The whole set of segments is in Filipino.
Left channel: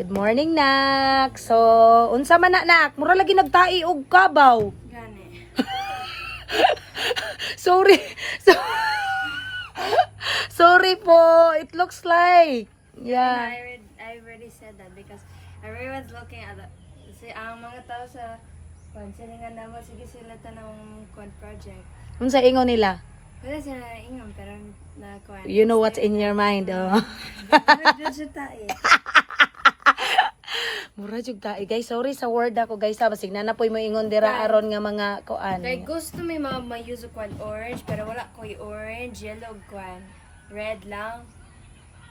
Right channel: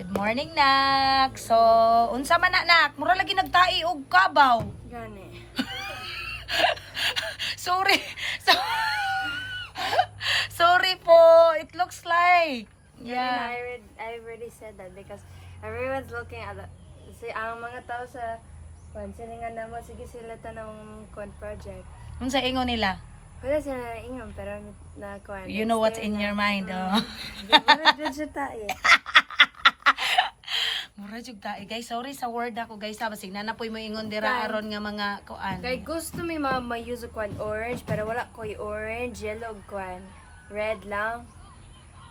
Good morning, nak. So, unsa man nak? Mura lagi nagtai og kabaw. Gani. Sorry. Sorry po. It looks like. Yeah. I already said that because everyone's looking at ang mga tao sa siningan na mo, sige sila tanong project. Unsa ingon nila? Wala sila na ingon, pero na You know what's in your mind, oh. Mura jud ta. Guys, sorry sa word ako, guys. Basig na poy mo ingon dira aron nga mga kuan. Kay gusto mi ma-use kwan orange, pero wala ko'y orange, yellow kwan, red lang.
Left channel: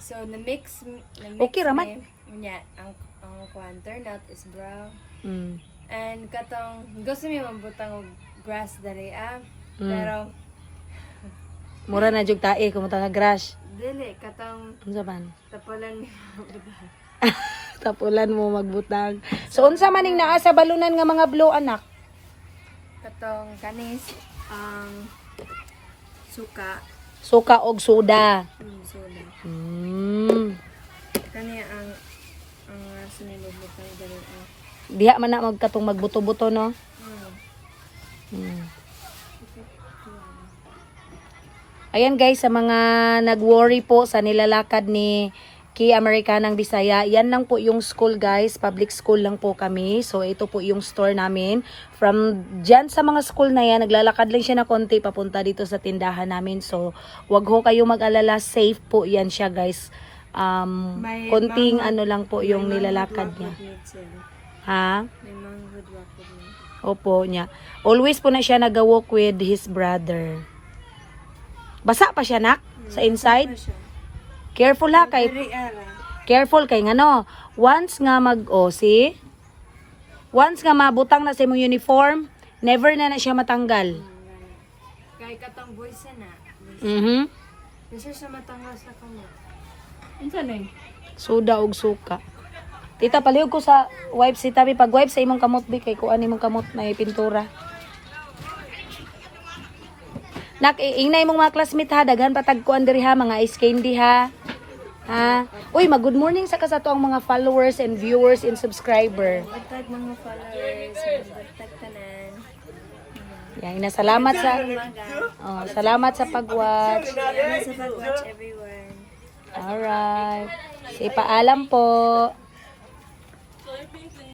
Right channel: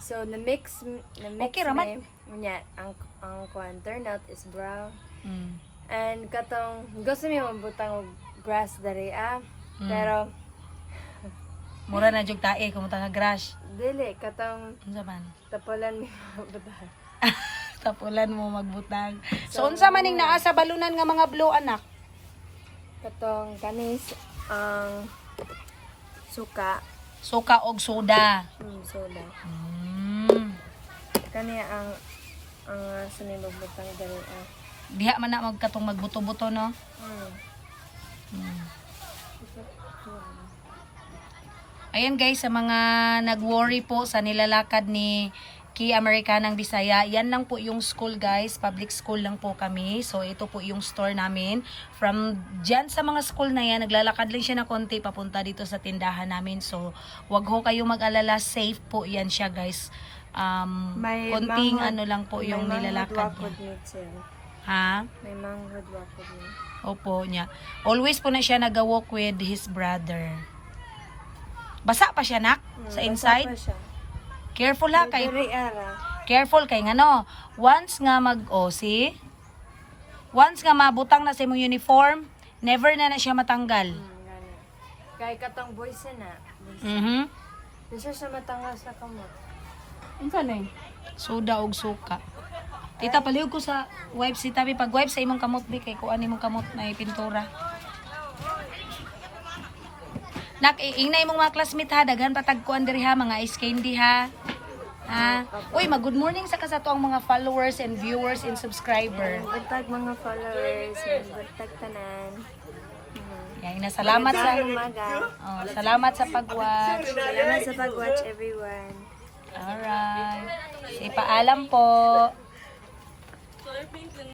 So na-mix Okay raman. Nya ang kwan turned out is brown. Mm. And katong gusto mi mabutang og grass diri pero Mura na jud tae kung nga grass. dili katong Unsa man? tapulan mi mabutang. Tapulan mo magbutang. So unsa man ning naa sa balunan nga mga blue anak? Katong kanis ang suka, Suka og soda. soda. Kani ang sini magbutang diri Diha man na magkatong magbuto-buto no. Ayan guys, sa mga nag-worry po sa nilalakad ni Key Americanang Bisaya, yan lang po yung school guys, public school lang po kami. So ito po yung store namin. From dyan sa mga school na yan, naglalakad lang siya na konti papunta dito sa tindahan namin. So wag ho kayo mag-alala, safe po yan siya guys. Konting ano lang po yung nilalakad niya. Ha? May manghod wako din. Opo niya. Always po na siya nag-walk with his brother. Basa pa siya nak sa inside. Careful ha kay careful kay ngano. Once nga see? Once nga mabutang na sa imong uniform, never na siya matanggal. Kay katong boys na. Bisa siya matanggal sa kamot. Unsa na soda og suka. Tita palihog ko sa wipe si tabi pag wipe sa imong kamot bi kay kuan imong kamot na pintura. Nak ingnay mong mga classmate ha, daghan patagkuan diri ha, mga ice candy ha. Ha? Uy, good morning sa kasato ang mga followers and viewers and subscriber. Bagtag mga followers, bagtag tanan. Yan, salamat sa salamat sa pag-watch. Salamat sa pag-watch everyone. Alright. Ipaalam po.